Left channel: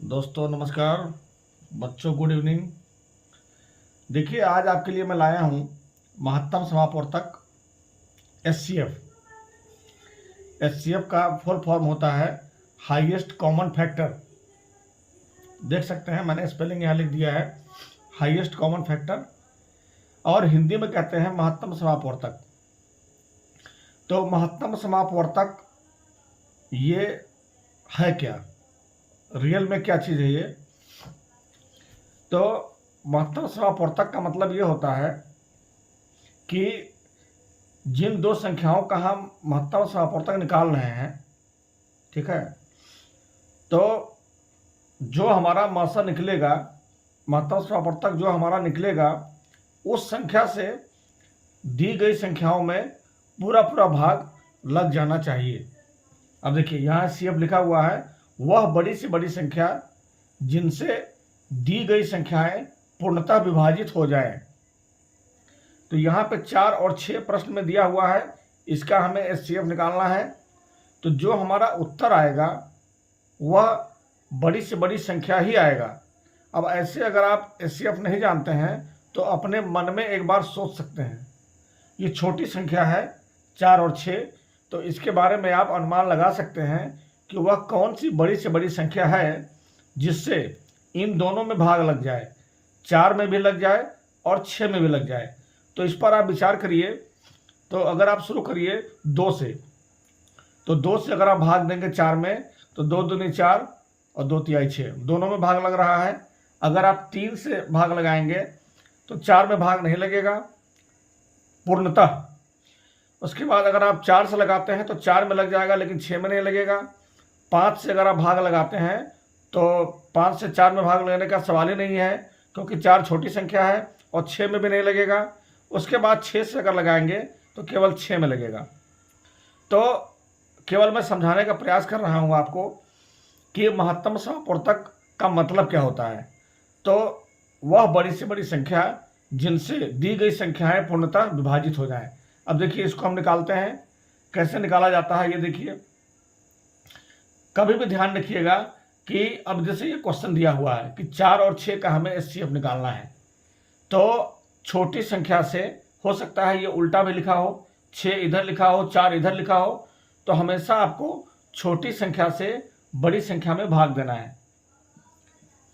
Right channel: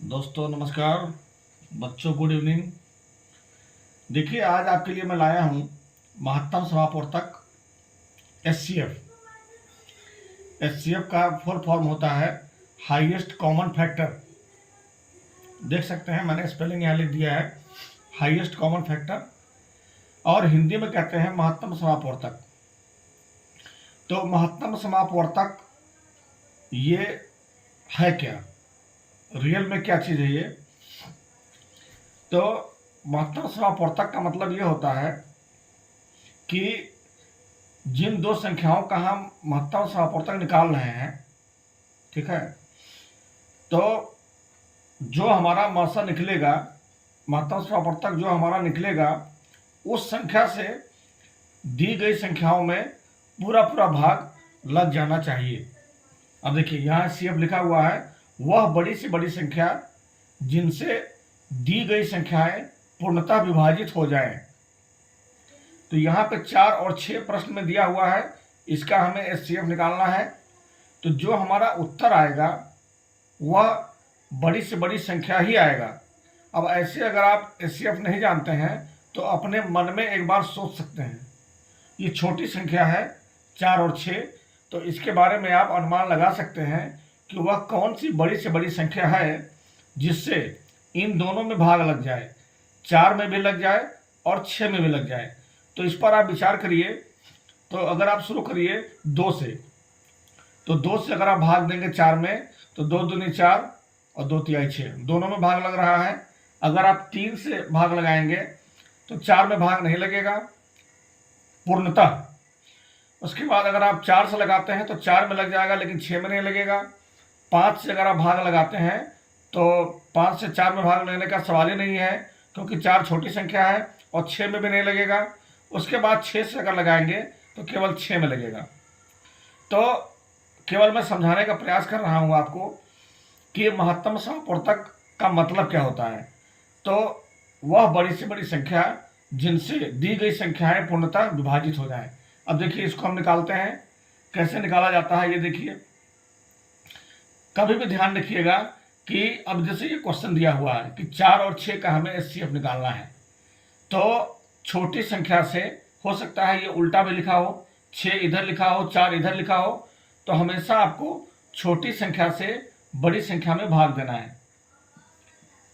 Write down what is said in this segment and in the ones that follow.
दोस्तों नमस्कार। बच्चों गुड इवनिंग। देखिए आज आपके लिए मैं लाया हूँ महत्तम समापवर्तक HCF। HCF का फुल फॉर्म होता है हाईएस्ट कॉमन फैक्टर। देख सकते हैं मैंने स्पेलिंग यहाँ लिख दिया है, हाईएस्ट कॉमन फैक्टर, और हिंदी में कहते हैं महत्तम समापवर्तक। तो महत्तम समापवर्तक ये है क्या, रियल में क्या चीज़ है ये? तो महत्तम समापवर्तक का मतलब ये होता है कि जिन दो संख्याओं का हम महत्तम समापवर्तक निकाल रहे हैं, ठीक है, तो जो हमारा मासा निकलेगा, महत्तम समापवर्तक जो हमारा निकलेगा, उस संख्या से दी गई संख्याओं में पूरा पूरा भाग लग जाना चाहिए। अब देखिए यहाँ CF लिखा हुआ है, वह बड़ी से बड़ी संख्या जिनसे दी गई संख्याएं पूर्णतः विभाजित हो जाएं। तो यहाँ पे 4 और 6 प्रश्न में दिया हुआ है, इसका हमें HCF निकालना है। तो जो हमारा उत्तर आएगा वह बड़ी से बड़ी संख्या ही आएगा। अब ऐसे अगर आप HCF नहीं जानते हैं तो अपने मन में एक बार सोच सकते हैं, ये छोटी संख्या है 4 और 6, तो इसके बारे में आप अनुमान लगा सकते हैं कि वह कौन सी बड़ी से बड़ी संख्या है जिससे इन दोनों में भाग लग जाए, 4 में भी लग जाए और 6 में भी लग जाए। तो इस पर आप विचार करिए। तो अगर आप शुरू करिए 2 से, तो 2 से अगर आप भाग देंगे 4 में तो 2 दूनी 4 और 2 तिहाई 6, दोनों में भाग लग रहा है। अगर आप 3 से भाग लगाएंगे तो 4 में भाग नहीं लगेगा पूर्णतः। उसके बाद अगर आप 4 से लगाते हैं तो 4 में लग जाएगा लेकिन 6 में नहीं लगेगा। 5 से अगर आप भाग लगाते हैं तो 5 से 4 में भाग लेने का सवाल ही नहीं है, क्योंकि 4 छोटी संख्या है और 6 में भी नहीं लगेगा। उसके बाद 6 से अगर लगाएंगे तो केवल 6 में लगेगा। तो केवल मैं समझाने का प्रयास कर रहा हूँ आपको कि महत्तम समापवर्तक का मतलब क्या होता है। तो वह बड़ी से बड़ी संख्या जिनसे दी गई संख्याएं पूर्णतः विभाजित हो जाएं। अब देखिए इसको हम निकालते हैं, कैसे निकाला जाता है ये देखिए। कभी भी ध्यान रखिएगा कि अब जैसे ये क्वेश्चन दिया हुआ है कि 4 और 6 का हमें HCF निकालना है, तो छोटी संख्या से हो सकता है ये उल्टा में लिखा हो, 6 इधर लिखा हो 4 इधर लिखा हो, तो हमेशा आपको छोटी संख्या से बड़ी संख्या में भाग देना है।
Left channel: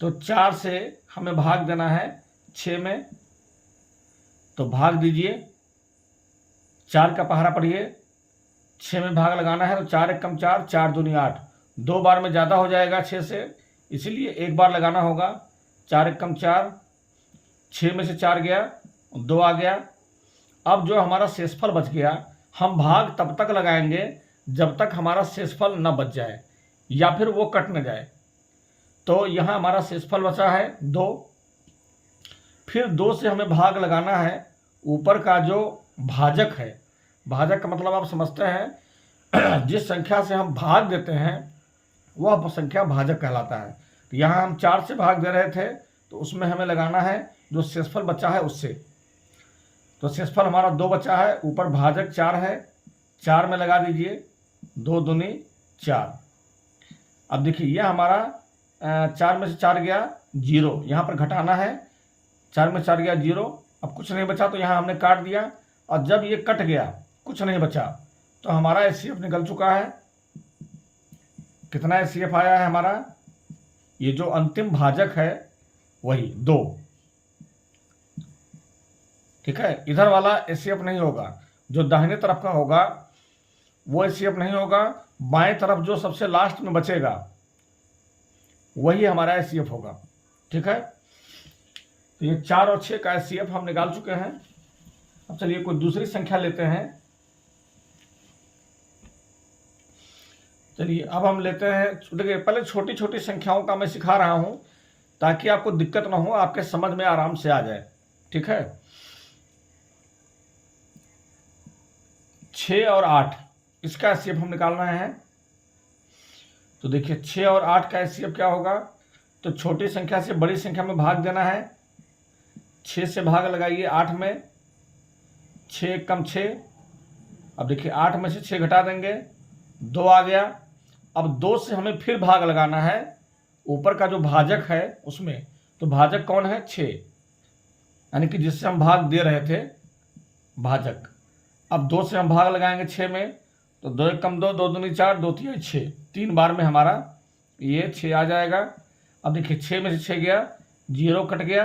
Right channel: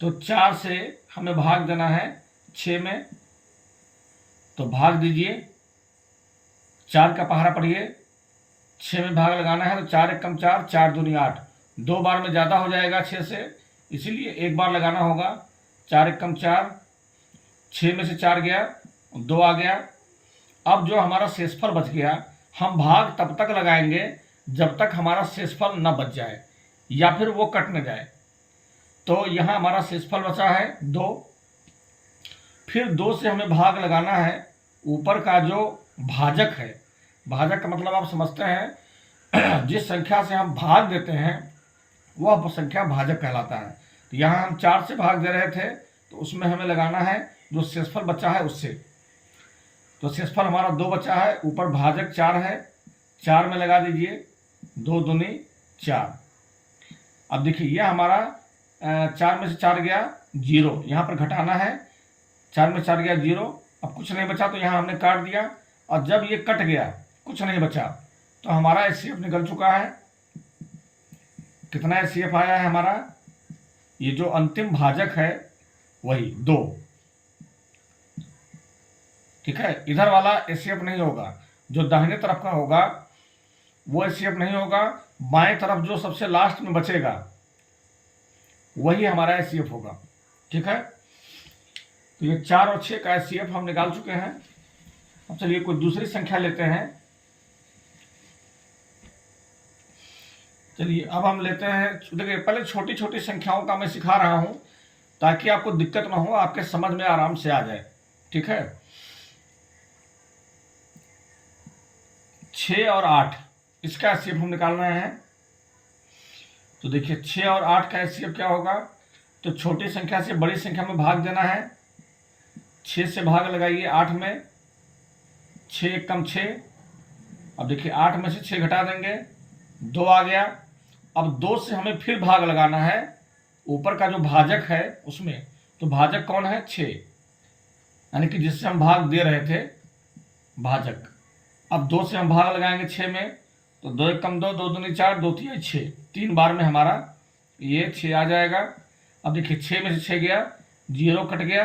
तो 4 से हमें भाग देना है 6 में, तो भाग दीजिए, 4 का पहाड़ा पढ़िए, 6 में भाग लगाना है। तो 4 एक कम 4, 4 दूनी 8, 2 बार में ज़्यादा हो जाएगा 6 से, इसीलिए एक बार लगाना होगा। 4 एक कम 4, 6 में से 4 गया, 2 आ गया। अब जो हमारा शेषफल बच गया, हम भाग तब तक लगाएंगे जब तक हमारा शेषफल न बच जाए या फिर वो कट न जाए। तो यहाँ हमारा शेषफल बचा है 2, फिर 2 से हमें भाग लगाना है ऊपर का जो भाजक है। भाजक का मतलब आप समझते हैं, जिस संख्या से हम भाग देते हैं वह संख्या भाजक कहलाता है। तो यहाँ हम 4 से भाग दे रहे थे, तो उसमें हमें लगाना है जो शेषफल बचा है उससे। तो शेषफल हमारा 2 बचा है, ऊपर भाजक 4 है, 4 में लगा दीजिए, 2 दूनी 4। अब देखिए ये हमारा 4 में से 4 गया 0, यहाँ पर घटाना है, 4 में 4 गया 0, अब कुछ नहीं बचा तो यहाँ हमने काट दिया। और जब ये कट गया, कुछ नहीं बचा, तो हमारा HCF निकल चुका है। कितना HCF आया है हमारा? ये जो अंतिम भाजक है वही 2, ठीक है। इधर वाला HCF नहीं होगा, जो दाहिने तरफ का होगा वो HCF नहीं होगा, बाएं तरफ जो सबसे लास्ट में बचेगा वही हमारा HCF होगा, ठीक है। तो ये 4 और 6 का HCF हम निकाल चुके हैं। अब चलिए कोई दूसरी संख्या लेते हैं। चलिए अब हम लेते हैं, देखिए पहले छोटी छोटी संख्याओं का मैं सिखा रहा हूं ताकि आपको दिक्कत ना हो, आपके समझ में आराम से आ जाए, ठीक है। 6 और 8 इसका HCF हम निकालना है। तो देखिए 6 और 8 का HCF क्या होगा? तो छोटी संख्या से बड़ी संख्या में भाग देना है। 6 से भाग लगाइए 8 में, 6 एक कम 6। अब देखिए 8 में से 6 घटा देंगे, 2 आ गया। अब 2 से हमें फिर भाग लगाना है ऊपर का जो भाजक है उसमें, तो भाजक कौन है 6, यानी कि जिससे हम भाग दे रहे थे भाजक। अब 2 से हम भाग लगाएंगे 6 में, तो 2 एक कम 2, 2 दूनी 4, 2 तिहाई 6, 3 बार में हमारा ये 6 आ जाएगा। अब देखिए 6 में से 6 गया, 0 कट गया,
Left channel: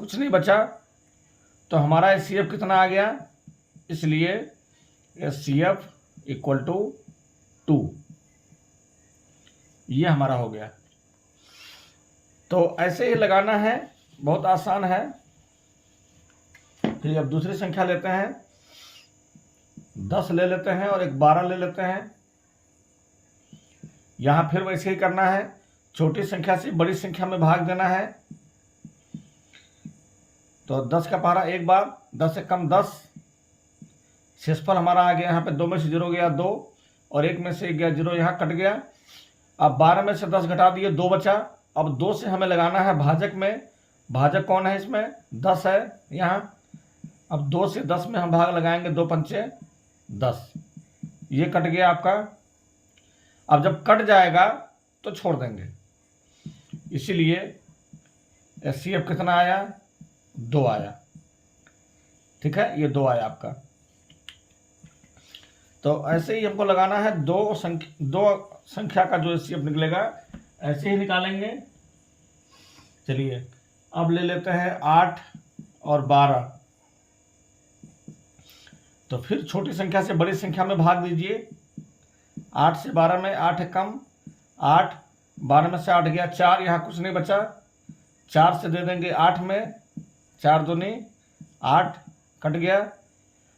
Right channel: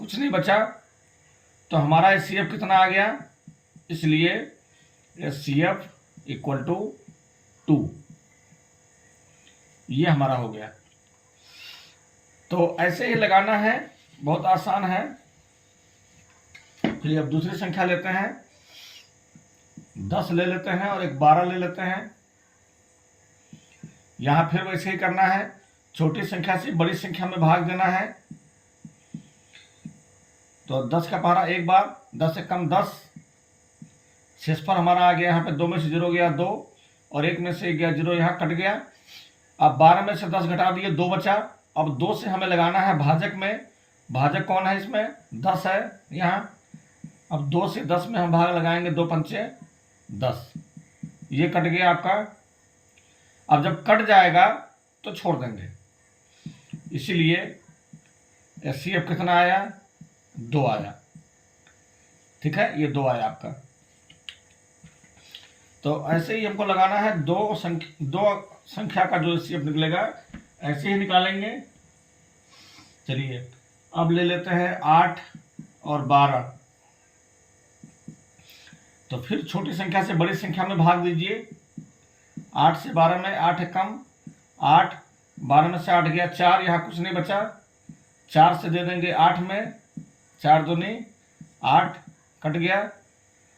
कुछ नहीं बचा, तो हमारा HCF कितना आ गया, इसलिए HCF इक्वल टू 2, ये हमारा हो गया। तो ऐसे ही लगाना है, बहुत आसान है। फिर अब दूसरी संख्या लेते हैं, 10 ले लेते हैं और एक 12 ले लेते हैं। यहां फिर वैसे ही करना है, छोटी संख्या से बड़ी संख्या में भाग देना है। तो 10 का पहाड़ा एक बार, 10 से कम 10, शेषफल हमारा आ गया, यहाँ पे 2 में से 0 गया 2, और 1 में से 1 गया 0, यहाँ कट गया। अब 12 में से 10 घटा दिए, 2 बचा। अब 2 से हमें लगाना है भाजक में, भाजक कौन है इसमें, 10 है यहाँ। अब 2 से 10 में हम भाग लगाएंगे, 2 पंचे 10, ये कट गया आपका। अब जब कट जाएगा तो छोड़ देंगे, इसीलिए HCF कितना आया, 2 आया। ठीक है, ये 2 आया आपका। तो ऐसे ही हमको लगाना है, दो संख्या का जो HCF निकलेगा ऐसे ही निकालेंगे। चलिए अब ले लेते हैं 8 और 12। तो फिर छोटी संख्या से बड़ी संख्या में भाग दीजिए। 8 से 12 में 8 है कम, 8, 12 में से 8 गया 4, यहाँ कुछ नहीं बचा, 4 से दे देंगे 8 में, 4 दूनी 8, कट गया।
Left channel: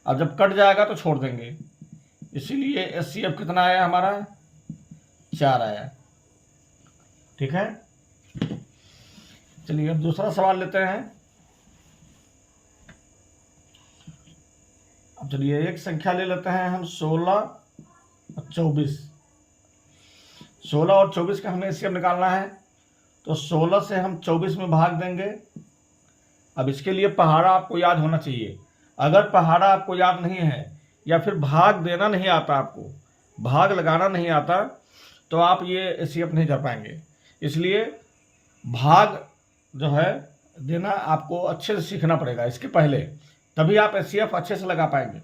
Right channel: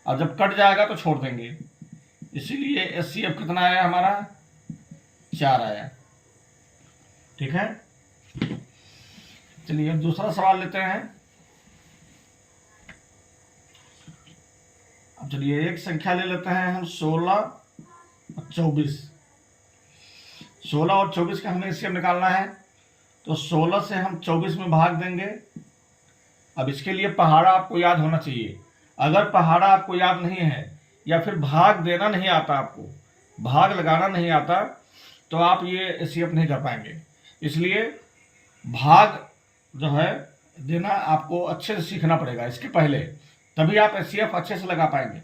अब जब कट जाएगा तो छोड़ देंगे, इसीलिए HCF कितना आया हमारा, 4 आया। ठीक है, चलिए अब दूसरा सवाल लेते हैं। अब चलिए एक संख्या ले लेते हैं हम, 16 और 24। 16 और 24 का हमें HCF निकालना है, तो 16 से हम 24 में भाग देंगे। अब इसके लिए पहाड़ा आपको याद होना चाहिए। अगर पहाड़ा आपको याद नहीं है या फिर भाग देना नहीं आता, आपको भाग लगाना नहीं आता, तो आप ये HCF नहीं कर पाएंगे। इसलिए भाग जो है देना आपको अच्छे से सीखना पड़ेगा इसके पहले, तभी आप HCF अच्छे से लगा पाएंगे।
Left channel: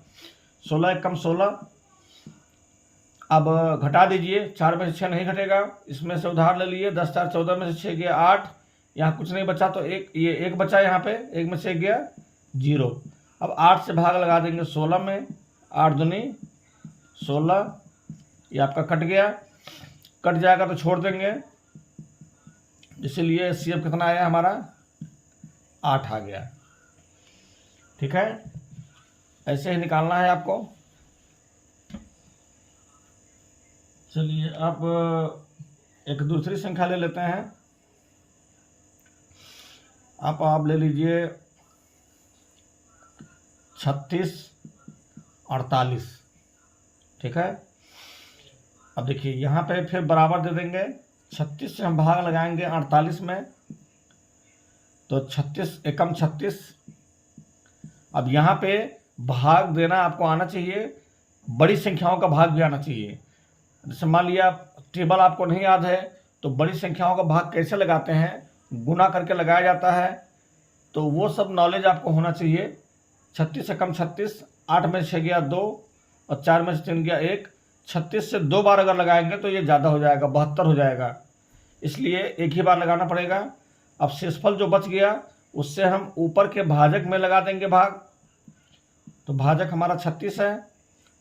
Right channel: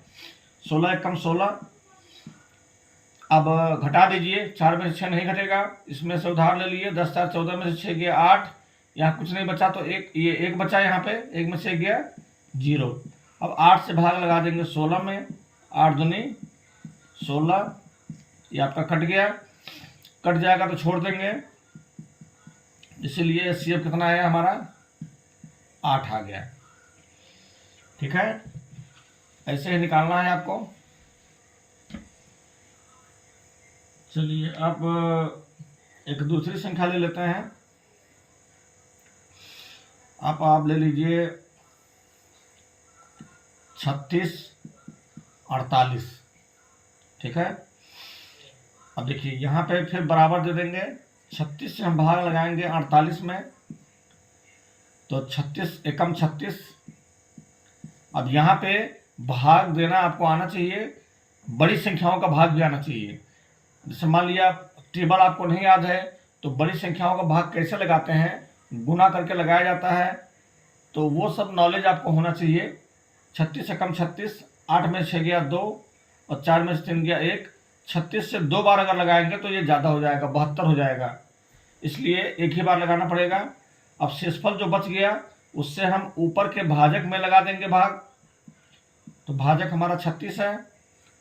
16 एक कम 16, अब घटा दीजिए, 4 में से 6 नहीं घटेगा, इसमें से उधार ले लिए, 10 4 14 में से 6 गया 8, यहाँ कुछ नहीं बचा तो ये एक बचा, यहाँ पे 1 में से 1 गया 0। अब 8 से भाग लगा देंगे 16 में, 8 दूनी 16, ये आपका कट गया, कट जाएगा तो छोड़ देंगे, इसीलिए HCF कितना आया हमारा, 8 आ गया। ठीक है, ऐसे ही निकालना है आपको। चलिए अब एक दूसरी संख्या ले लेते हैं। आप ले लीजिए 36 48। ठीक है, अब देखिए यहाँ पे फिर बराबर दे देंगे, 36 से हम भाग लगाएंगे 48 में, तो 36 एकम 36। अब यहाँ पे भाग देना आपको आना चाहिए, बड़ी संख्याओं का भाग भी आना चाहिए। जैसे मान लिया टेबल आपको नहीं याद है, तो बड़ी संख्याओं का भाग कैसे लगाते हैं, गुना करके लगाया जाता है, तो वो सब नॉलेज आपको होना चाहिए। 36 से कम 36, 8 में 6 गया 2, और 4 में से 3 गया 1। 36 से 2 बार अगर लगाएंगे तो ये ज़्यादा हो जाएगा, 72 हो जाएगा, इसलिए एक ही बार लगाना पड़ेगा। अब शेषफल जो बच गया उससे हम ऊपर के भाजक में लगा देंगे भाग, तो भाजक हमारा 36 है।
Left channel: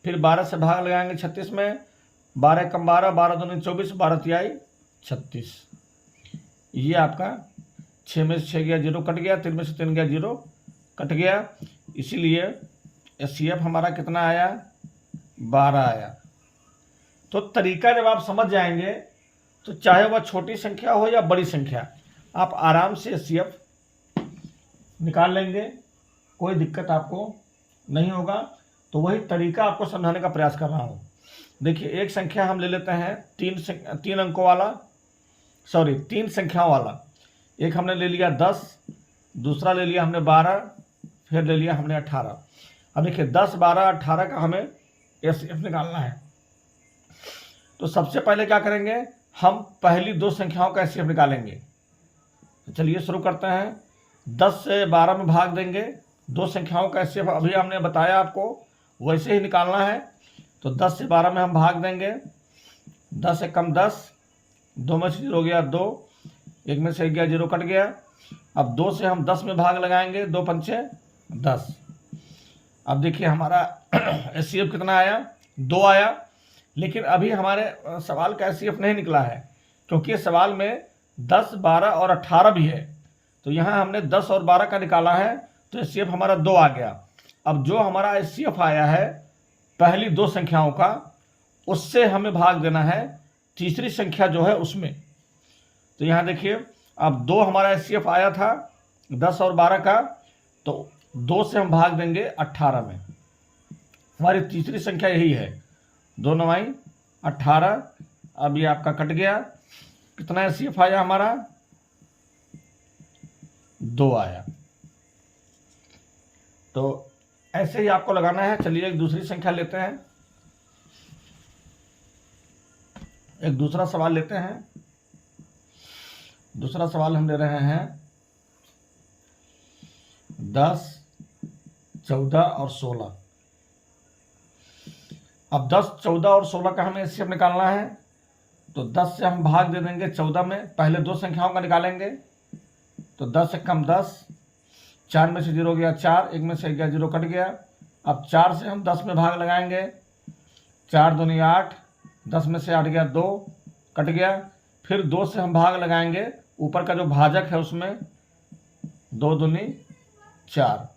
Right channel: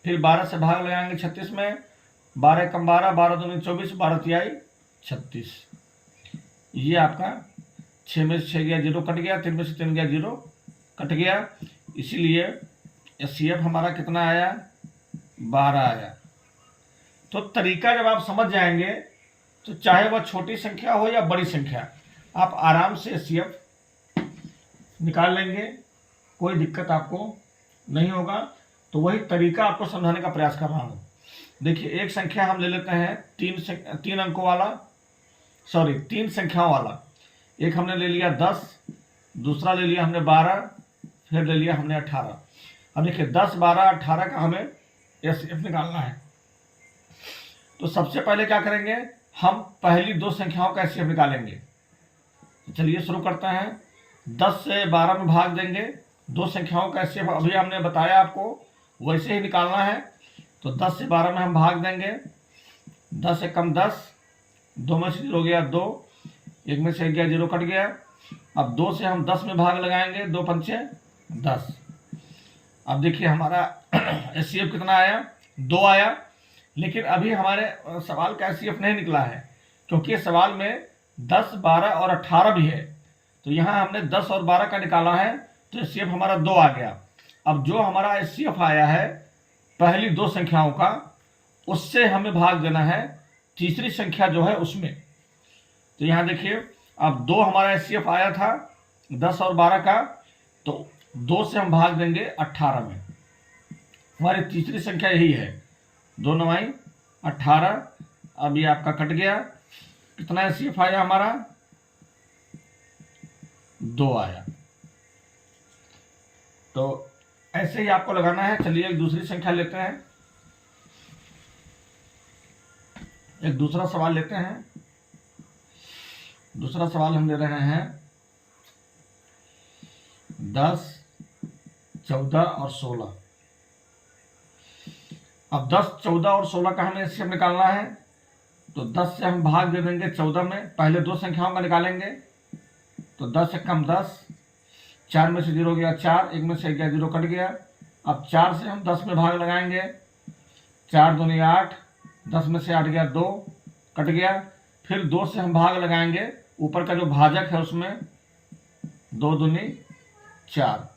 फिर 12 से भाग लगाएंगे 36 में, 12 कम 12, 12 दूनी 24, 12 तिहाई 36। ये आपका 6 में से 6 गया 0, कट गया, 3 में से 3 गया 0, कट गया, इसीलिए HCF हमारा कितना आया, 12 आया। तो तरीका जब आप समझ जाएंगे तो चाहे वह छोटी संख्या हो या बड़ी संख्या, आप आराम से HCF निकाल लेंगे, कोई दिक्कत आपको नहीं होगा। तो वही तरीका आपको समझाने का प्रयास कर रहा हूँ। देखिए एक संख्या हम ले लेते हैं 3 अंकों वाला, 3 संख्याओं वाला। एक हमने ले लिया 10, दूसरा ले लिया हमने 12, फिर ले लिया हमने 18। अब देखिए 10 12 18 का हमें HCF निकालना है। तो सबसे पहले क्या करेंगे, हम पहली दो संख्याओं का एचसीएफ निकालेंगे। तो चलिए शुरू करते हैं। 10 से 12 में भाग देंगे, दो संख्याओं का एचसीएफ अभी हमने बताया आपको, वैसे ही निकालना है। तो 10 से 12 में हम भाग देंगे, 10 से कम 10, 2 में से 0 गया 2, 1 में से गया 0 कट गया। अब 2 से हम 10 में भाग लगाएंगे, 2 पंचे 10। अब देखिए हमारा एचसीएफ कितना आया, 2 आया। लेकिन अभी हमारे सवाल का एचसीएफ नहीं निकला है, क्योंकि सवाल में 10, 12 और 18 भी है। तो यहाँ हमने 10 और 12 का निकाला है, तो एचसीएफ हमारा 2 आ गया। अब जो हमारा एचसीएफ आया है पहली दो संख्याओं का, उससे हमें भाग देना है तीसरी संख्या जो है उसमें। तो यहाँ देखिए, अब 2 हमारा एचसीएफ आया था 10 और 12 का, तो 2 से हम भाग देंगे 18 में। हमारी तीसरी संख्या यही है, 2 9 18। अब ये आपका कट गया, कितना एचसीएफ आया हमारा, 2 आया। तो ऐसे ही आपको लगाना है। चलिए एक दूसरी संख्या लेते हैं, एक दूसरा सवाल लेते हैं। दूसरा सवाल हम ले रहे हैं 10, 14 और 16। अब 10, 14 और 16 का हमें एचसीएफ निकालना है। तो 10 से हम भाग दे देंगे 14 में, पहले दो संख्याओं का निकालेंगे। तो 10 से कम 10, 4 में से 0 गया 4, 1 में से गया 0 कट गया। अब 4 से हम 10 में भाग लगाएंगे, 4 दूनी 8, 10 में से 8 गया 2 कट गया। फिर 2 से हम भाग लगाएंगे, ऊपर का जो भाजक है उसमें 2 दूनी 4,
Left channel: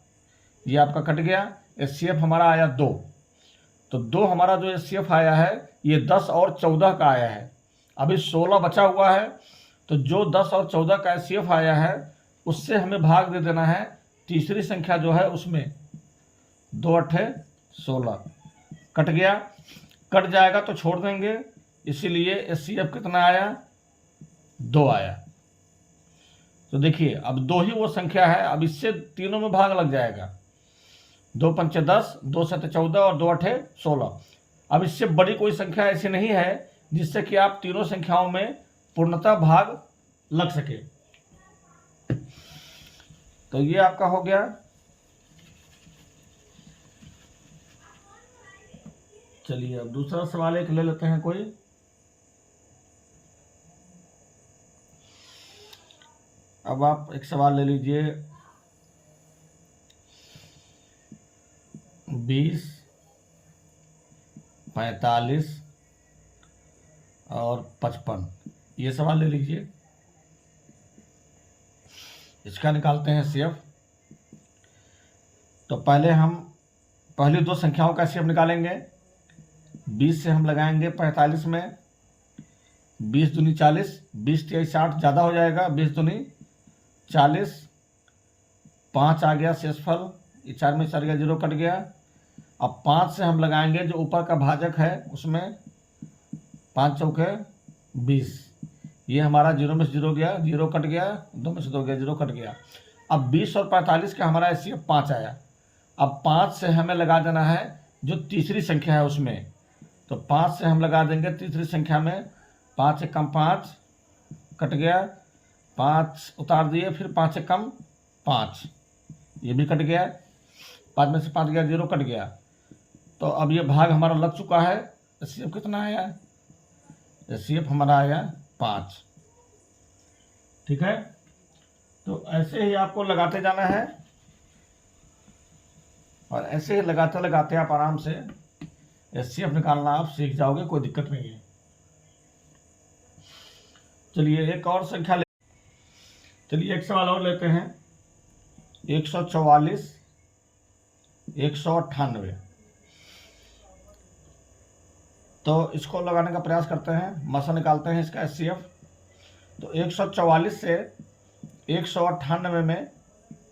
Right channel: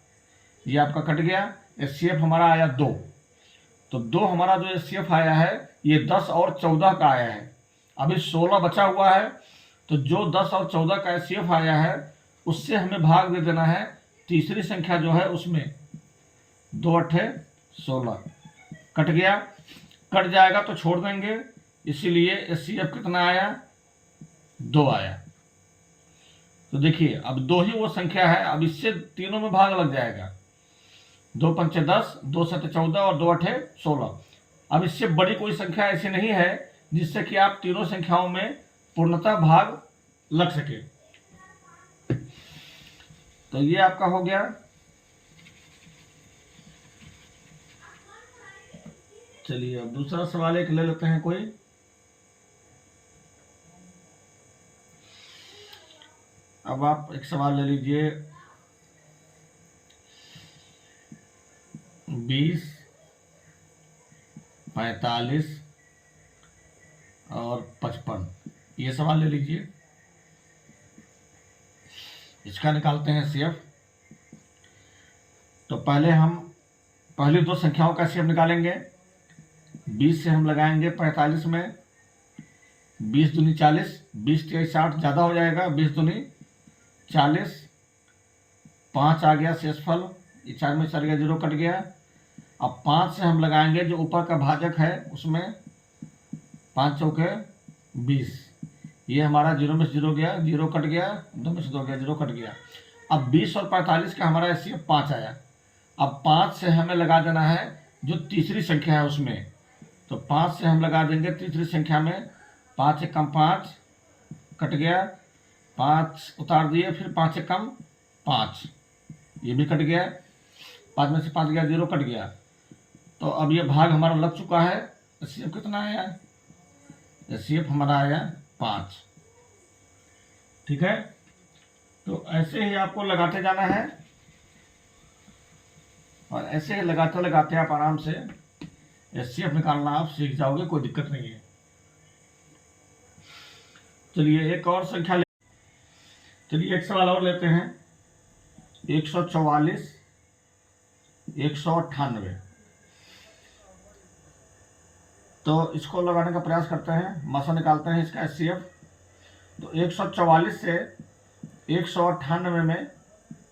ये आपका कट गया। एचसीएफ हमारा आया 2। तो 2 हमारा जो एचसीएफ आया है ये 10 और 14 का आया है। अभी 16 बचा हुआ है, तो जो 10 और 14 का एचसीएफ आया है उससे हमें भाग दे देना है तीसरी संख्या जो है उसमें। 2 8 16 कट गया, कट जाएगा तो छोड़ देंगे, इसीलिए एचसीएफ कितना आया, 2 आया। तो देखिए अब 2 ही वो संख्या है, अब इससे तीनों में भाग लग जाएगा। 2 पंचे 10, 2 7 14 और 2 8 16। अब इससे बड़ी कोई संख्या ऐसी नहीं है जिससे कि आप तीनों संख्याओं में पूर्णतः भाग लग सके। तो ये आपका हो गया। चलिए अब दूसरा सवाल एक ले लेते हैं कोई। अब आप एक सवाल ले लीजिए, 20, 45 और 55, ये सवाल ले लीजिए। इसका निकालते हैं एचसीएफ। तो पहले हम पहली दो संख्याओं का एचसीएफ निकालेंगे। 20 से हम लगाएंगे 45 में, 20 दूनी 40, 20 23 60 ज़्यादा हो जाएगा, 20 दूनी 40, 5 आ गया शेषफल, ये 4 में 4 गया 0 कट गया। अब 5 से हम लगाएंगे जो ऊपर का भाजक है उसमें, 5 चौके 20, ये हमारा 0 में से 0 गया 0 कट गया, 2 में से 2 गया 0 कट गया। अब 20 और 45 का हमारा एचसीएफ 5 आया। अब 5 से हमें लगा देना है जो तीसरी संख्या है उसमें। तो 5 से हम लगा देंगे तीसरी संख्या में, 5 से कम 5 कट गया, 5 उतार दिए, फिर 5 से कम 5, ये भी कट गया, 5 में से 5 गया 0 कट गया। तो अब ये भाग हमारा लग चुका है। एचसीएफ कितना आया, एचसीएफ हमारा आया 5। ठीक है, तो ऐसे ही आपको लगाते जाना है और ऐसे ही लगाते लगाते आप आराम से एचसीएफ निकालना आप सीख जाओगे, कोई दिक्कत नहीं है। चलिए एक और संख्या ले, चलिए एक सवाल और लेते हैं, 144, 198। तो इसको लगाने का प्रयास करते हैं, मसा निकालते हैं इसका एचसीएफ। तो 144 से 198 में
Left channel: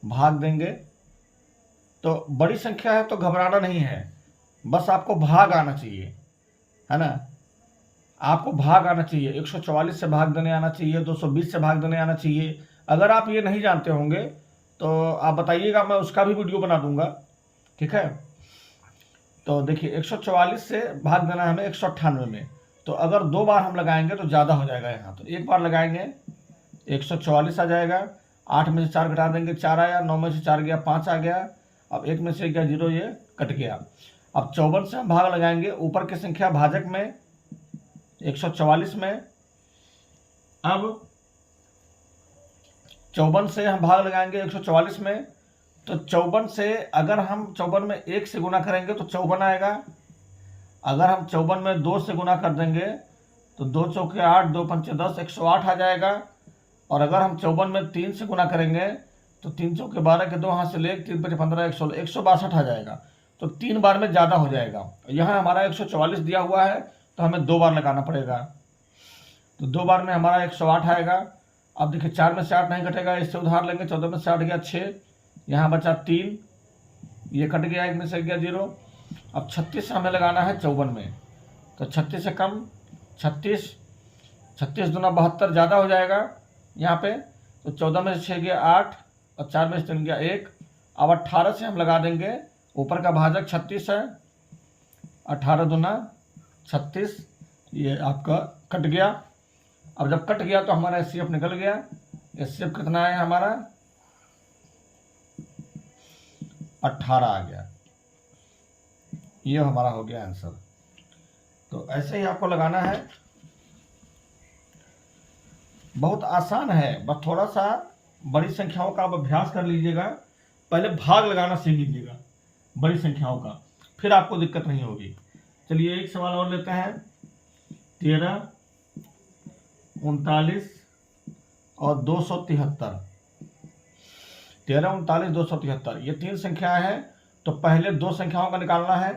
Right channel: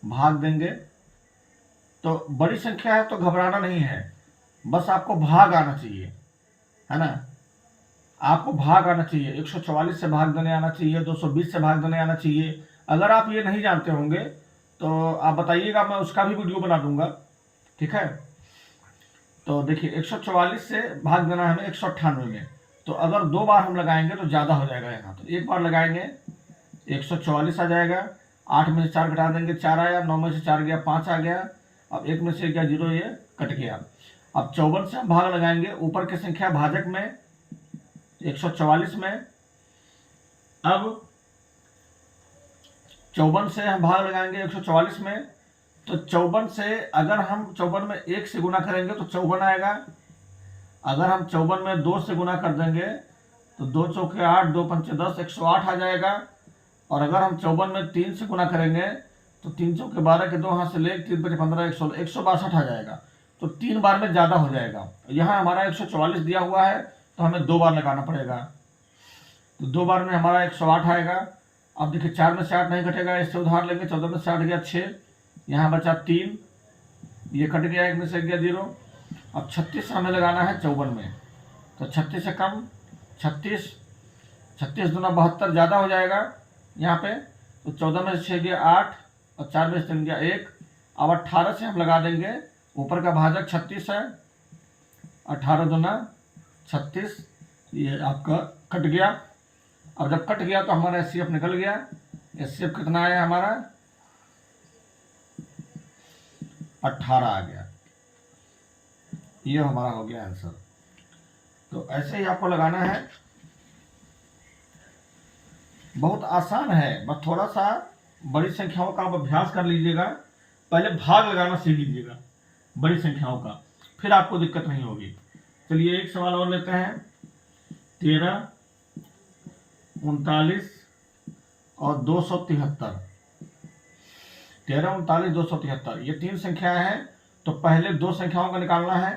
भाग देंगे। तो बड़ी संख्या है तो घबराना नहीं है, बस आपको भाग आना चाहिए, है ना। आपको भाग आना चाहिए, 144 से भाग देने आना चाहिए, 220 से भाग देने आना चाहिए। अगर आप ये नहीं जानते होंगे तो आप बताइएगा, मैं उसका भी वीडियो बना दूंगा। ठीक है, तो देखिए 144 से भाग देना है हमें 198 में। तो तो अगर 2 बार हम लगाएंगे तो ज़्यादा हो जाएगा यहाँ। तो एक बार लगाएंगे 144 आ जाएगा, 8 में से 4 घटा देंगे 4 आया, 9 में से 4 गया 5 आ गया, अब 1 में से गया 0, ये कट गया। अब 54 से हम भाग लगाएंगे ऊपर की संख्या भाजक में 144 में। अब 54 से हम भाग लगाएंगे 144 में, तो 54 से अगर हम 54 में 1 से गुना करेंगे तो 54 आएगा। अगर हम 54 में 2 से गुना कर देंगे तो 2 चौके 8, 2 पंचे 10, 108 आ जाएगा। और अगर हम 54 में 3 से गुना करेंगे तो 3 चौके 12 के 2 हाथ से ले 3 पंचे 15, 162 आ जाएगा। तो 3 बार में ज़्यादा हो जाएगा। यहाँ हमारा 144 दिया हुआ है तो हमें 2 बार लगाना पड़ेगा। तो 2 बार में हमारा 108 आएगा। अब देखिए 4 में से 8 नहीं घटेगा, इससे उधार लेंगे। 14 में से 8 गया 6, यहाँ बचा 3, ये कट गया, 1 में से गया 0। अब 36 हमें लगाना है 54 में, तो 36 से कम 36, 36 दूना 72 ज़्यादा हो जाएगा यहाँ पे। तो 14 में से 6 गया 8 और 4 में से 3 गया 1। अब 18 से हम लगा देंगे, ऊपर का भाजक 36 है, 18 दूना 36, ये आपका कट गया। अब जब कट गया तो हमारा एचसीएफ निकल गया। एचसीएफ कितना है हमारा 18 आ गया। ये हमारा हो गया आंसर। तो ऐसे ही आपको लगाना है, बहुत आसान है, बस थोड़ा सा बड़ी संख्याओं का आप अभ्यास कर लीजिएगा। पहले भाग लगाना सीख लीजिएगा बड़ी संख्याओं का, फिर आपको दिक्कत नहीं होगी। चलिए एक सवाल और लेते हैं। 13, 39 और 273। 13, 39, 273 ये 3 संख्या है। तो पहले 2 संख्याओं का निकालना है।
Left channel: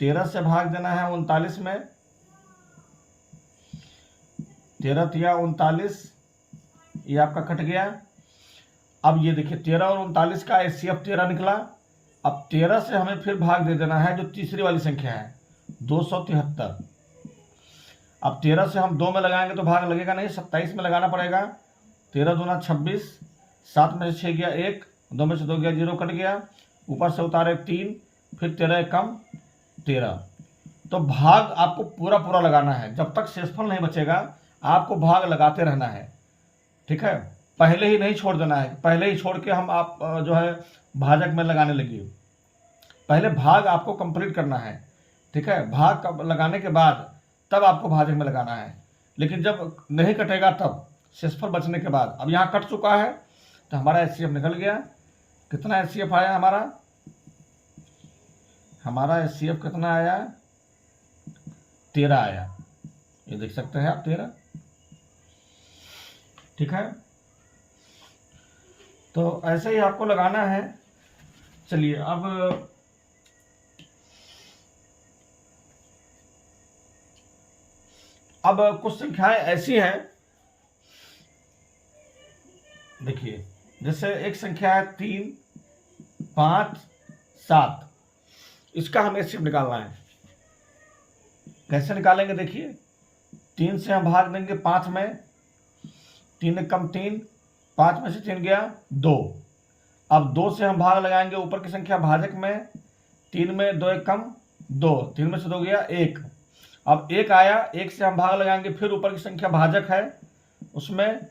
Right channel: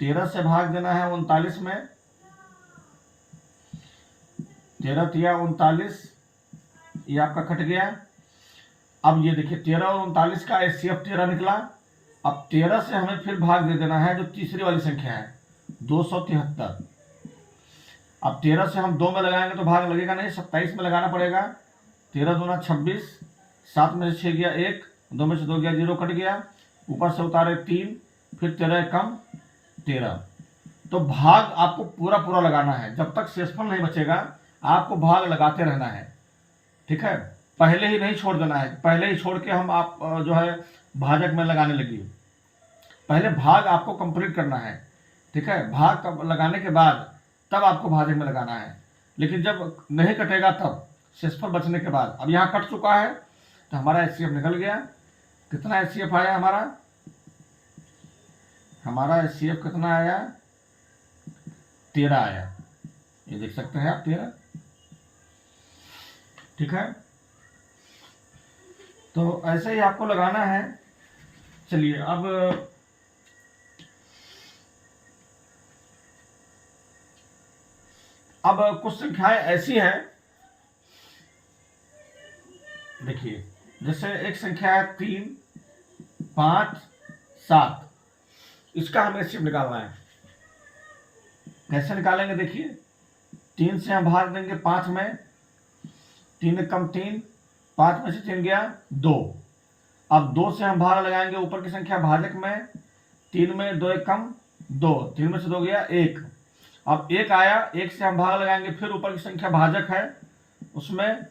13 से भाग देना है 39 में, 13 तिया 39, ये आपका कट गया। अब ये देखिए 13 और 39 का एचसीएफ 13 निकला। अब 13 से हमें फिर भाग दे देना है जो तीसरी वाली संख्या है 273। अब 13 से हम 2 में लगाएंगे तो भाग लगेगा नहीं, 27 में लगाना पड़ेगा। 13 दूना 26, 7 में से 6 गया 1, 2 में से 2 गया 0, कट गया। ऊपर से उतारे 3, फिर 13 कम 13। तो भाग आपको पूरा पूरा लगाना है, जब तक शेषफल नहीं बचेगा आपको भाग लगाते रहना है। ठीक है, पहले ही नहीं छोड़ देना है, पहले ही छोड़ के हम आप जो है भाजक में लगाने लगिए। पहले भाग आपको कंप्लीट करना है। ठीक है, भाग लगाने के बाद तब आपको भाजक में लगाना है। लेकिन जब नहीं कटेगा तब शेषफल बचने के बाद। अब यहाँ कट चुका है तो हमारा एचसीएफ निकल गया। कितना एचसीएफ आया हमारा एचसीएफ कितना आया 13 आया। ये देख सकते हैं आप 13। ठीक है, तो ऐसे ही आपको लगाना है। चलिए अब कुछ संख्याएं ऐसी हैं, देखिए जैसे एक संख्या है 3, 5, 7, इसका हमें एचसीएफ निकालना है। कैसे निकालेंगे देखिए, 3 से हम भाग देंगे 5 में, 3 कम 3, 5 में से 3 गया 2। अब 2 से हम भाग लगाएंगे ऊपर की संख्या भाजक में, 3 में 2 कम 2, 3 में से 2 गया 1। अब 1 आया, 1 से हम भाग लगाएंगे फिर ऊपर की संख्या भाजक है उसमें,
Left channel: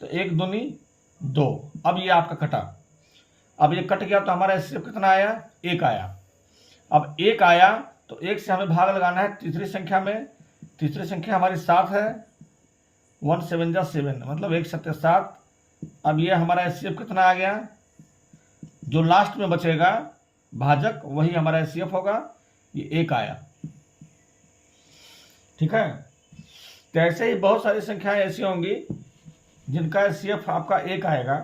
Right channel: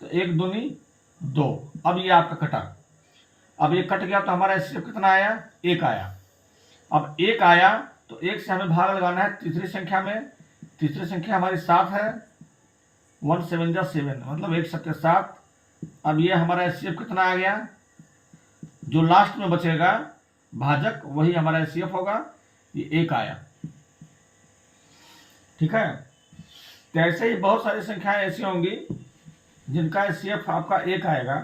तो 1 दूनी 2। अब ये आपका कटा। अब ये कट गया तो हमारा एचसीएफ कितना आया 1 आया। अब 1 आया तो 1 से हमें भाग लगाना है तीसरी संख्या में। तीसरी संख्या हमारी 7 है, 1 7 जा 7, मतलब 1 7 7। अब ये हमारा एचसीएफ कितना आ गया, जो लास्ट में बचेगा भाजक वही हमारा एचसीएफ होगा, ये 1 आया। ठीक है, तो ऐसे ही बहुत सारी संख्याएं ऐसी होंगी जिनका एचसीएफ आपका 1 आएगा।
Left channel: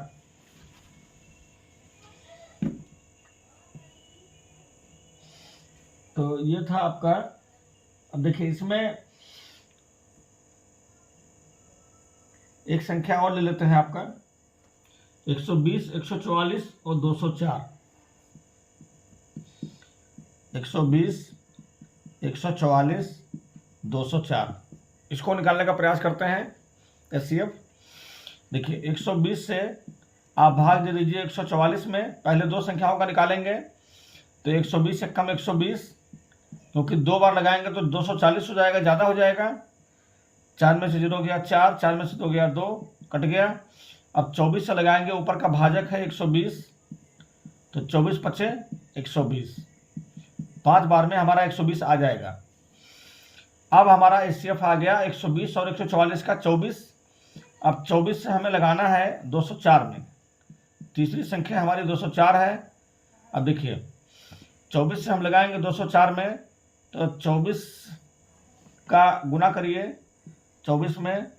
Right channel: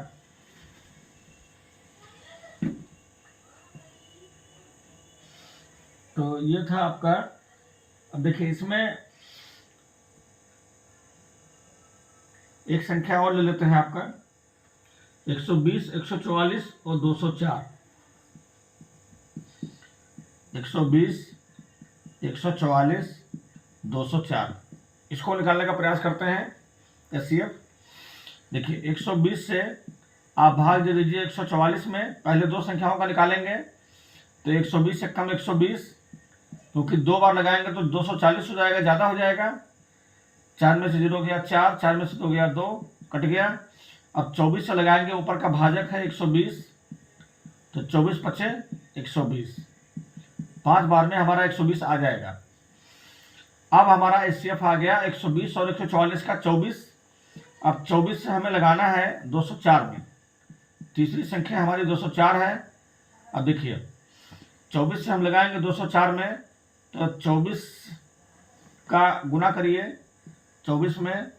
तो ये था आपका। अब देखिए इसमें एक संख्या और ले लेते हैं आपका 120, 144 और 204। 120, 144, 204 इसको निकालने का प्रयास करते हैं एचसीएफ। देखिए 120 से आप भाग दे दीजिए 144 में, पहले 2 संख्याओं का निकालेंगे। तो 120 से कम 120, क्योंकि 2 बार लगाएंगे तो 240 हो जाएगा, ज़्यादा हो जाएगा। 4 में से 0 गया 4, 4 में से 2 गया 2, कट गया। अब 24 से लगाएंगे, ऊपर का भाजक है 120, तो 24 पचे 120, 5 बार में हमारा 120 आ जाएगा। अब हमारा एचसीएफ आ गया 120 और 144 का 24। अब 24 से हमें लगाना है 204 में, तीसरी संख्या हमारी 204 है। अब देखिए 24 से हम लगाएंगे 204 में, तो 24 का गुना करिए 24 में।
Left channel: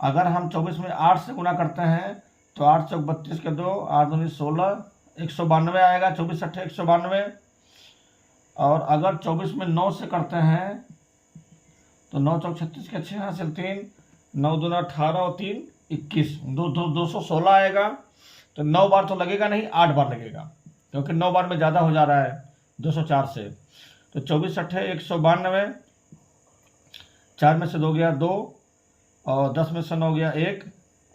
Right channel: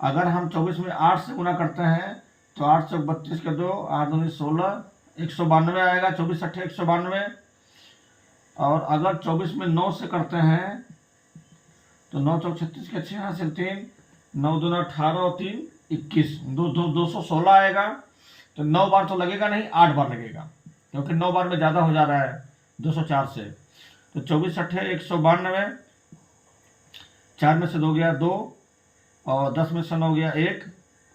अगर हम 24 में 8 से गुना करते हैं तो 8 चौक 32 के 2, 8 दूनी 16, 192 आएगा। 24 अट्ठे 192। और अगर 24 में 9 से करते हैं तो 9 चौक 36 के 6 हासिल 3, 9 दूना 18 और 3 21, 216 आएगा। तो 9 बार तो लगेगा नहीं, 8 बार लगेगा, क्योंकि 9 बार में ज़्यादा हो जा रहा है 204 से। तो 24 अट्ठे 192, 4 में से 2 गया 2, और 10 में से 9 गया 1,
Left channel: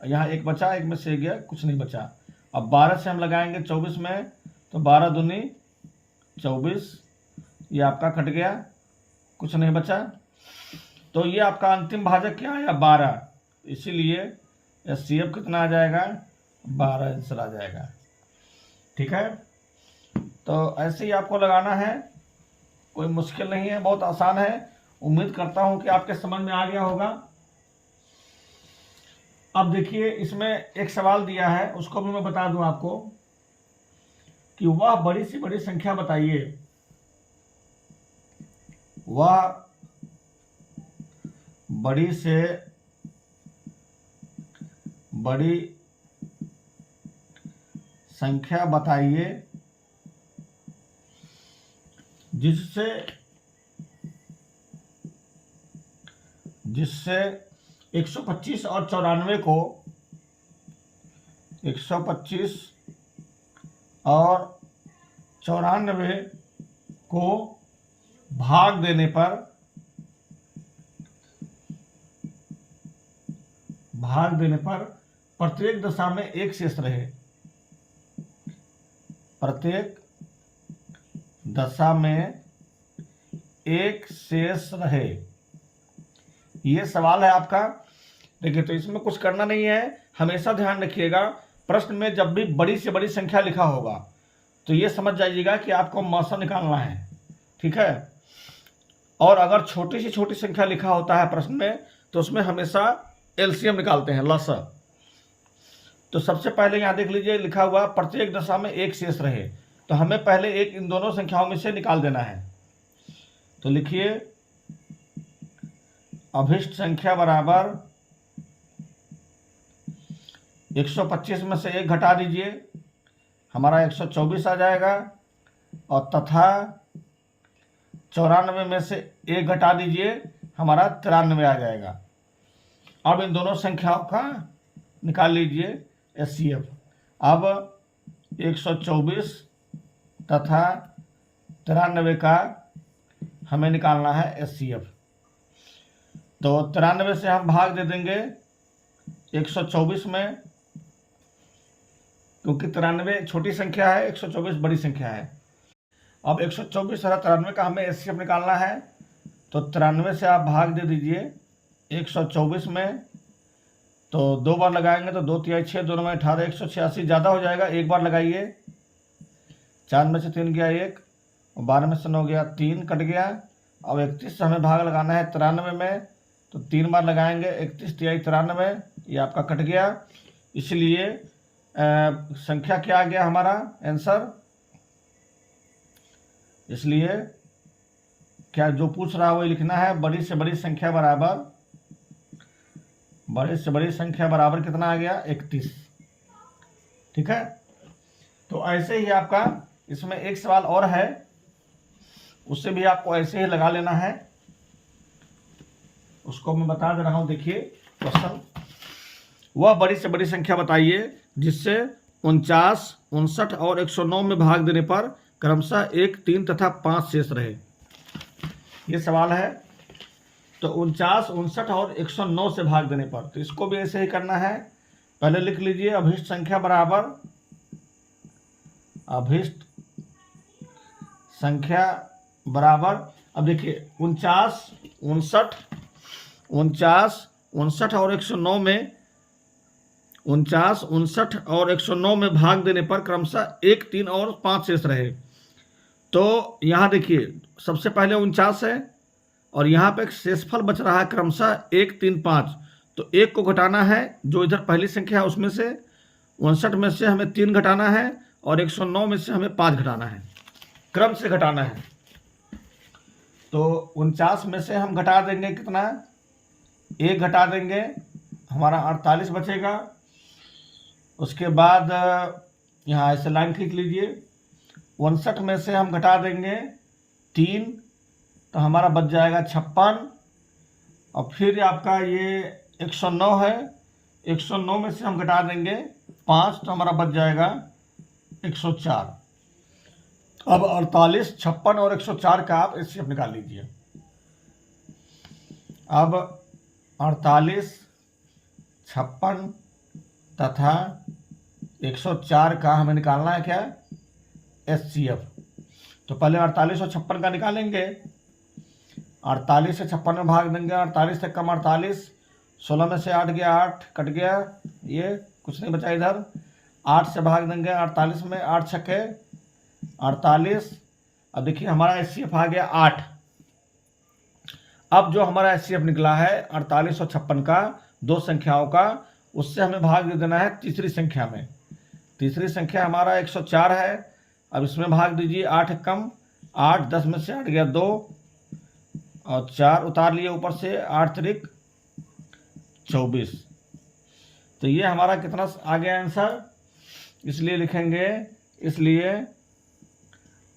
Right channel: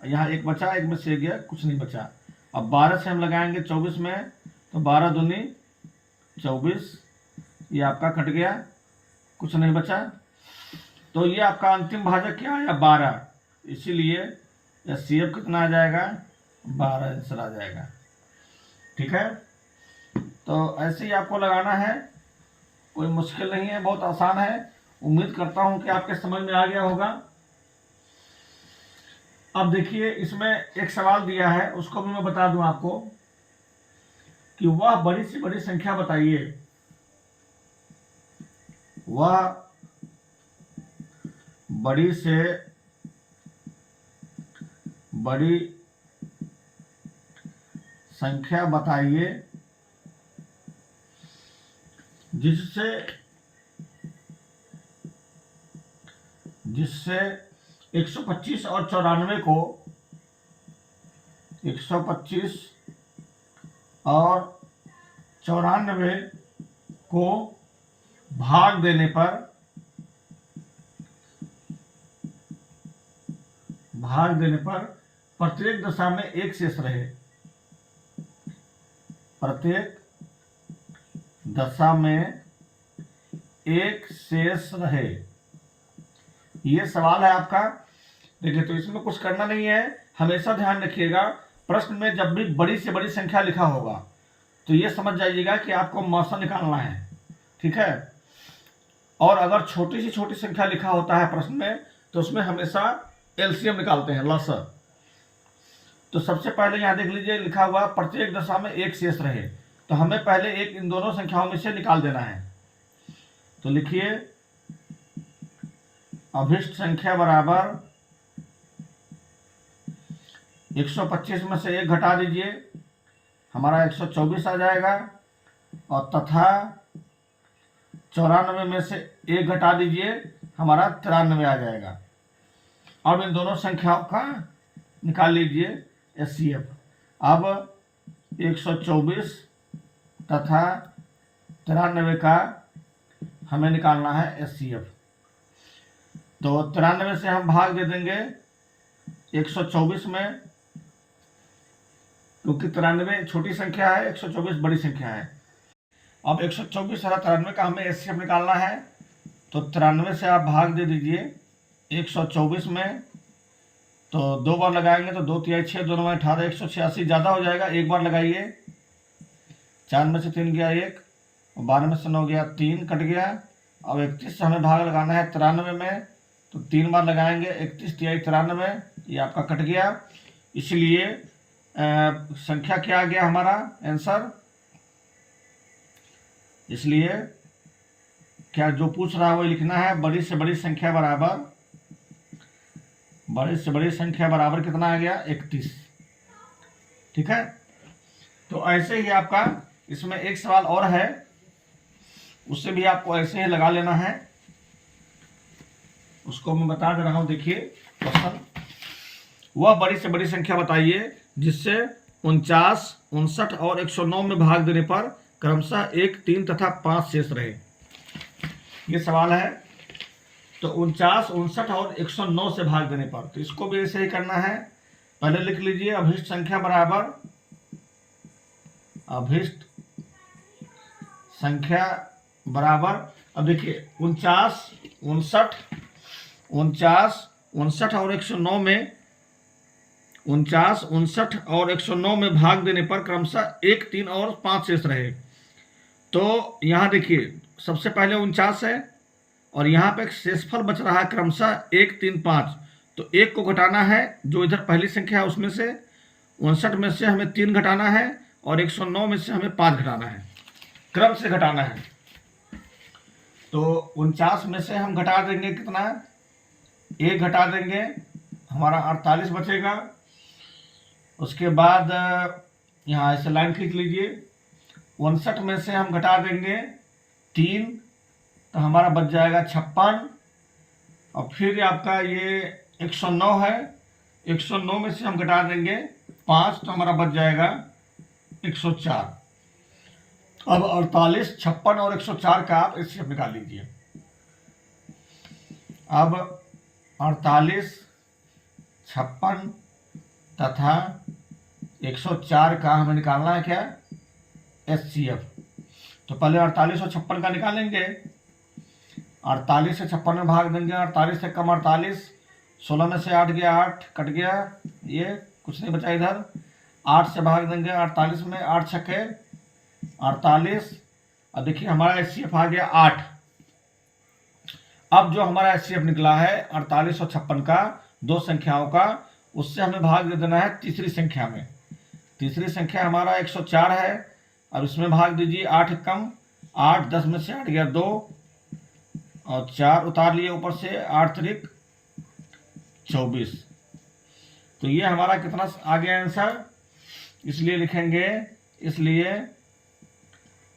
यहाँ 1 बचा, 1 में से 1 गया, कुछ नहीं बचा। अब 12 से हम लगाएंगे 24 में, तो 12 दूनी 24, ये आपका कट गया, कुछ नहीं बचा। तो ये आपका अंतिम भाजक क्या आया 12, इसीलिए एचसीएफ कितना आ जाएगा 12 आंसर आ जाएगा। ठीक है, तो ऐसे ही आपको लगाना है, कोई मुश्किल नहीं है, बहुत आसान है। उम्मीद करता हूं कि आपके समझ में आ गया होगा। अब देखिए इसमें एक सवाल दिया है, उसको भी मैं बता दूं आपको कि वह बड़ी से बड़ी संख्या बताइए, वह बड़ी से बड़ी संख्या बताइए जिससे 125 और 94 को 125 और 94 को भाग देने पर प्रत्येक दशा में एक शेष रहे, प्रत्येक दशा में एक शेष रहे। ये सवाल है आपका। देखिए तो इसमें कुछ करना नहीं है, हमेशा ध्यान रखिएगा प्रश्न में जब भी बड़ी से बड़ी संख्या लिखा होगा तो ये समझ जाइएगा कि आपको मौसा निकालना है। ठीक है, और अगर छोटी से छोटी संख्या लिखा होता है प्रश्न में तो उसमें हमेशा एलसीएम निकालते हैं, लसा। तो सबसे पहले यहाँ देख लीजिए लिखा हुआ प्रत्येक दशा में एक शेष रहे, तो हमें पहले एक इन दोनों संख्याओं में से निकाल देना है। तो लिखिए अभिष्ट संख्या बराबर 125 में से 1 घटा दीजिए, हमारा 124 आ जाएगा। और तथा 94 में से 1 घटा दीजिए, हमारा 93 आ जाएगा। अब इन दोनों संख्याओं का निकाल लीजिए एचसीएफ। अब 124 तथा 93 का हमें निकालना है एचसीएफ। तो 93 से हम भाग दे देंगे 124 में, क्योंकि 93 छोटी संख्या है, 124 बड़ी संख्या है। अब 124 और 93 का हमें एचसीएफ निकालना है, तो 93 से आप भाग दे दीजिए 124 में, तो 2 बार लगाएंगे तो 2 तिहाई 6, 2 9 18, 186 ज़्यादा हो जाएगा, 1 बार लगाइए। 4 में से 3 गया 1, 12 में से 9 गया 3, कट गया। अब 31 से हमें भाग लगाना है 93 में, तो 3 बार लगाएंगे, 31 तिहाई 93, ये आपका कट गया। इसलिए संख्या क्या आ गया हमारा आंसर। इसलिए क्या जो पूछ रहा है वो लिखना है, बड़ी से बड़ी संख्या बराबर, बड़ी से बड़ी संख्या बराबर कितना आ गया 31। ठीक है, तो ऐसे ही आपका इसमें एक सवाल और है, उससे भी आपको ऐसे ही लगा लेना है, उसको मैं बता दे रहा हूं। देखिए क्वेश्चन, वह बड़ी से बड़ी संख्या बताइए जिससे 49, 59 और 109 में भाग देने पर क्रमशः 1, 3 तथा 5 शेष रहे। ये सवाल है। तो 49, 59 और 109 से भाग देने पर, तो इसको भी ऐसे ही करना है। पहले लिख लीजिए अभिष्ट संख्या बराबर, अभिष्ट संख्या बराबर अब देखिए 49, 59, 49, 59 और 109 में 49, 59 और 109 में भाग देने पर क्रमशः 1, 3 और 5 शेष रहे। तो यहाँ देखिए सबसे पहले 49 है और यहाँ पे शेषफल बच रहा है क्रमशः 1, 3, 5। तो 1 को घटाना है, जो इधर पहली संख्या है उसमें से 59 में से हमें 3 घटाना है और 109 में से हमें 5 घटाना है, क्रम से घटाना है। तो 49 में से हम घटा देंगे कितना, 1 घटा देंगे, हमारा 48 बचेगा। उसके बाद यहाँ ऐसे लाइन खींच लीजिए। 59 में से हम घटा देंगे 3, तो हमारा बच जाएगा 56। और फिर आपका ये 109 है, 109 में से हम घटा देंगे 5, तो हमारा बच जाएगा 104। अब 48, 56 और 104 का आप एचसीएफ निकाल लीजिए। अब 48, 56 तथा 104 का हमें निकालना है क्या, एचसीएफ। तो पहले 48 और 56 का निकालेंगे। 48 से 56 में भाग देंगे, 48 से कम 48, 16 में से 8 गया, 8 कट गया, ये कुछ नहीं बचा इधर। 8 से भाग देंगे 48 में, 8 छक्के 48। अब देखिए हमारा एचसीएफ आ गया 8। अब जो हमारा एचसीएफ निकला है 48 और 56 का, दो संख्याओं का, उससे हमें भाग दे देना है तीसरी संख्या में। तीसरी संख्या हमारा 104 है। अब इसमें भाग दीजिए, 8 कम 8, 10 में से 8 गया 2 और 4 उतार लिए ऊपर से, 8 त्रिक 24। तो ये हमारा कितना आ गया आंसर, इसलिए लिखेंगे, इसलिए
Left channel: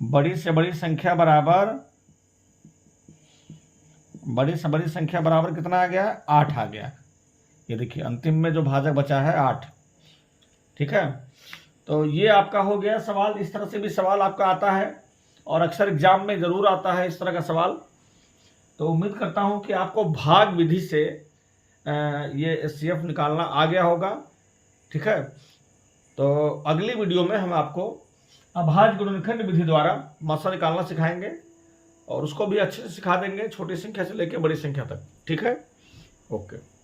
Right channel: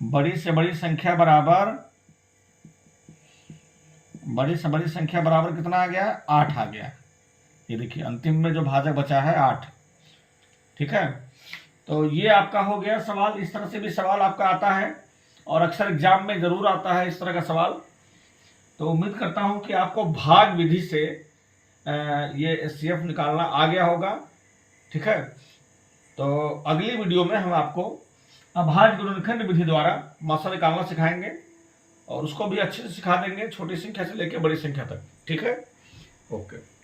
बड़ी से बड़ी संख्या बराबर, बड़ी से बड़ी संख्या बराबर कितना आ गया, 8 आ गया। ये देखिए अंतिम में जो भाजक बचा है 8। ठीक है, तो ये आपका हो गया सवाल। इस तरह से भी सवाल आपका आता है और अक्सर एग्जाम में जरूर आता है इस तरह का सवाल। तो उम्मीद करता हूं कि आपको भाग विधि से ये एचसीएफ निकालना आ गया होगा। ठीक है, तो अगली वीडियो में हम आपको अभाज्य गुणनखंड विधि द्वारा मात्रा निकालना सिखाएंगे और उसको भी अच्छे से सिखा देंगे, छोटी संख्या से लेकर बड़ी संख्या तक। ठीक है, ओके।